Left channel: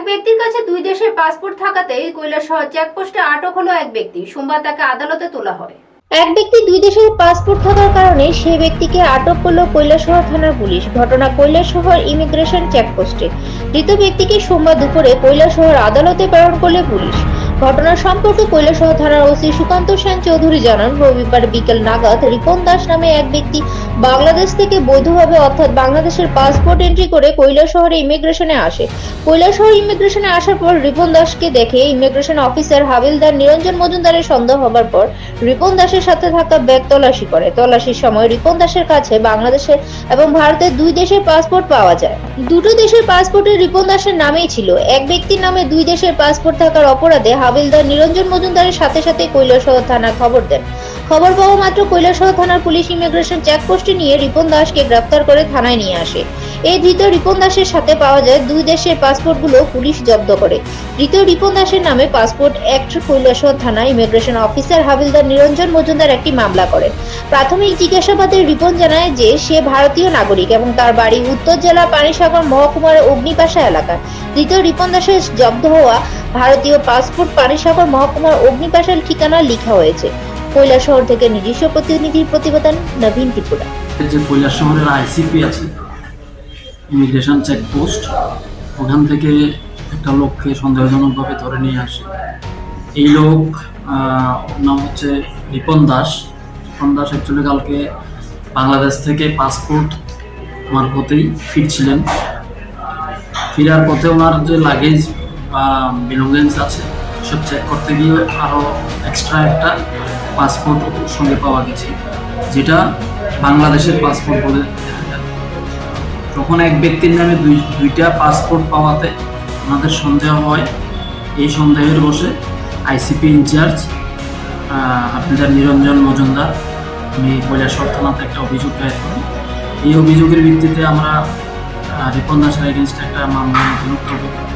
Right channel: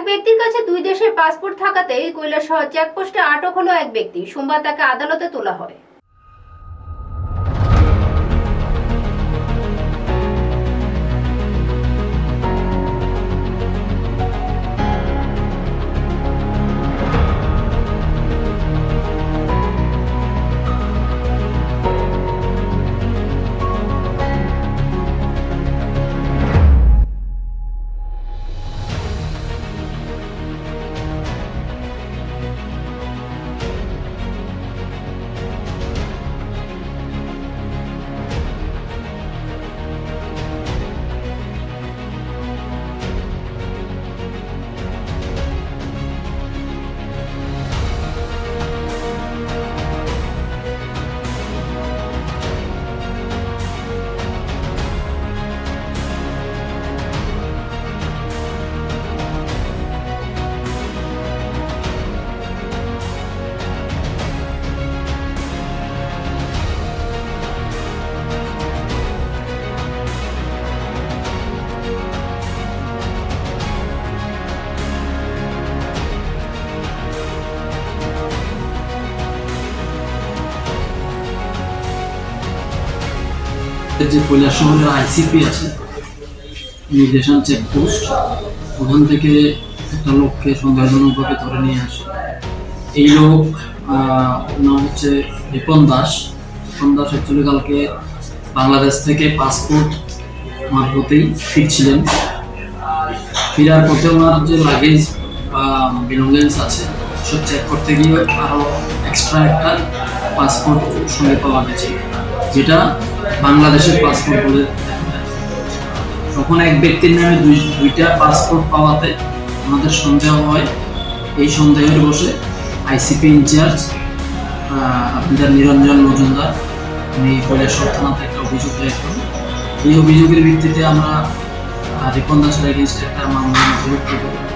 এক ব্যক্তির কাছে দুই দেশের পাসপোর্ট থাকাতেই কৈলাসহর চেকপোস্টে আটক হলো এক ব্যক্তি। সোমবার তাকে আদালতে তোলা হয়। এক ব্যক্তি দুই দেশের পাসপোর্ট থাকার কারণে সেই ব্যক্তিকে আটক করল কৈলাসহর থানার পুলিশ। ঘটনা কৈলাসহর ইমিগ্রেশন চেকপোস্টে। মৃত ব্যক্তিকে সোমবার দুপুরে কৈলাসহর আদালতে প্রেরণ করলে পুলিশ। ঘটনা সম্পর্কে কৈলাসহর থানার ওসি সুকান্ত সেন চৌধুরী জানান, রবিবার বিকেল নাগাদ রিপন দাস নামে এক ব্যক্তি বাংলাদেশ থেকে বৈধভাবে অর্থাৎ বাংলাদেশের পাসপোর্ট এন্ট্রি করে কৈলাসহরে ইমিগ্রেশনে আসে। কৈলাসহর ইমিগ্রেশনে আসার পর রিপন দাসকে দেখে ইমিগ্রেশন অফিসার হাবিলদার নিরঞ্জন মজুমদারের সন্দেহ হবার পর রিপন দাসের সাথে থাকা ব্যাগ তল্লাশি করে। তল্লাশির সময় রিপন দাসের কাছে বাংলাদেশের এবং ভারতের দুই দেশের পাসপোর্ট পাওয়া যায়। দুটো দেশের পাসপোর্টে রিপন দাসের নামেই ছিল। এক ব্যক্তির নামে দুই দেশের পাসপোর্ট থাকার অপরাধে হাবিলদার নিরঞ্জন মজুমদারের সাথে সাথে কৈলাসহর থানায় খবর দেন। খবর পাওয়া মাত্র কৈলাসহর থানার পুলিশ ইমিগ্রেশন চেকপোস্টে নিয়ে রিপন দাসকে গ্রেফতার করে থানায় নিয়ে আসে। এই ধৃত রিপন দাসের সাথে পাওয়া যায় দুই দেশের পাসপোর্টগুলো পুলিশ জব্দ করে। ধৃত রিপন দাসের নামে পাসপোর্ট অ্যাক্ট কৈলাসহর থানা ইমিগ্রেশন অফিসার হাবিলদার নিরঞ্জন মজুমদার একটি মামলা করে। প্রাথমিক জিজ্ঞাসাবাদে রিপন জানায় যে সে ভারতীয় নাগরিক এবং তার বাড়ি উত্তর জেলা পানিসাগর মহকুমার অগ্নিপাশা এলাকা দ্বিতীয় রিপন দাসের জব্দ হওয়া ভারতীয় পাসপোর্ট পানিসাগর মহকুমার অগ্নিপাশার ঠিকানা লেখা হয়েছে। কৈলাসহর থেকে নিজস্ব প্রতিনিধির প্রতিবেদন নবীন ত্রিপুরা। যে শহরের আইসিপি আছে ইমিগ্রেশন চেকপোস্ট ওখান থেকে একটা লোককে সন্দেহজনকভাবে ধরে নিয়ে আসে। এই লোক নাম হচ্ছে রিপন দাস। রিপন দাস অ্যাকচুয়ালি কালকে বাংলাদেশ থেকে পাসপোর্ট মারফতেই ফিরছিলেন। ফেরার পথে ওনার যে লাগেজ বা বিলঙ্গেন্স আছে, সব চেক করতে গিয়ে আরও এক্সট্রা একটা পাসপোর্ট সঙ্গে পাওয়া গেছে, যেটা বাংলাদেশের পাসপোর্ট বলে। তখন এক ব্যক্তির নামে দুই, দুইটা পাসপোর্ট পাওয়াতে আমাদের সন্দেহ হয়, এই সন্দেহের বসে আইসিপি ইনচার্জ আপনাদের নিরঞ্জন মজুমদার আমি কৈলাসর থানাতে একটা অভিযোগ দায়ের করি এই অভিযোগের ভিত্তিতে আমরা রিপন দাসের এগেনস্টে একটা মামলা নথিভুক্ত করি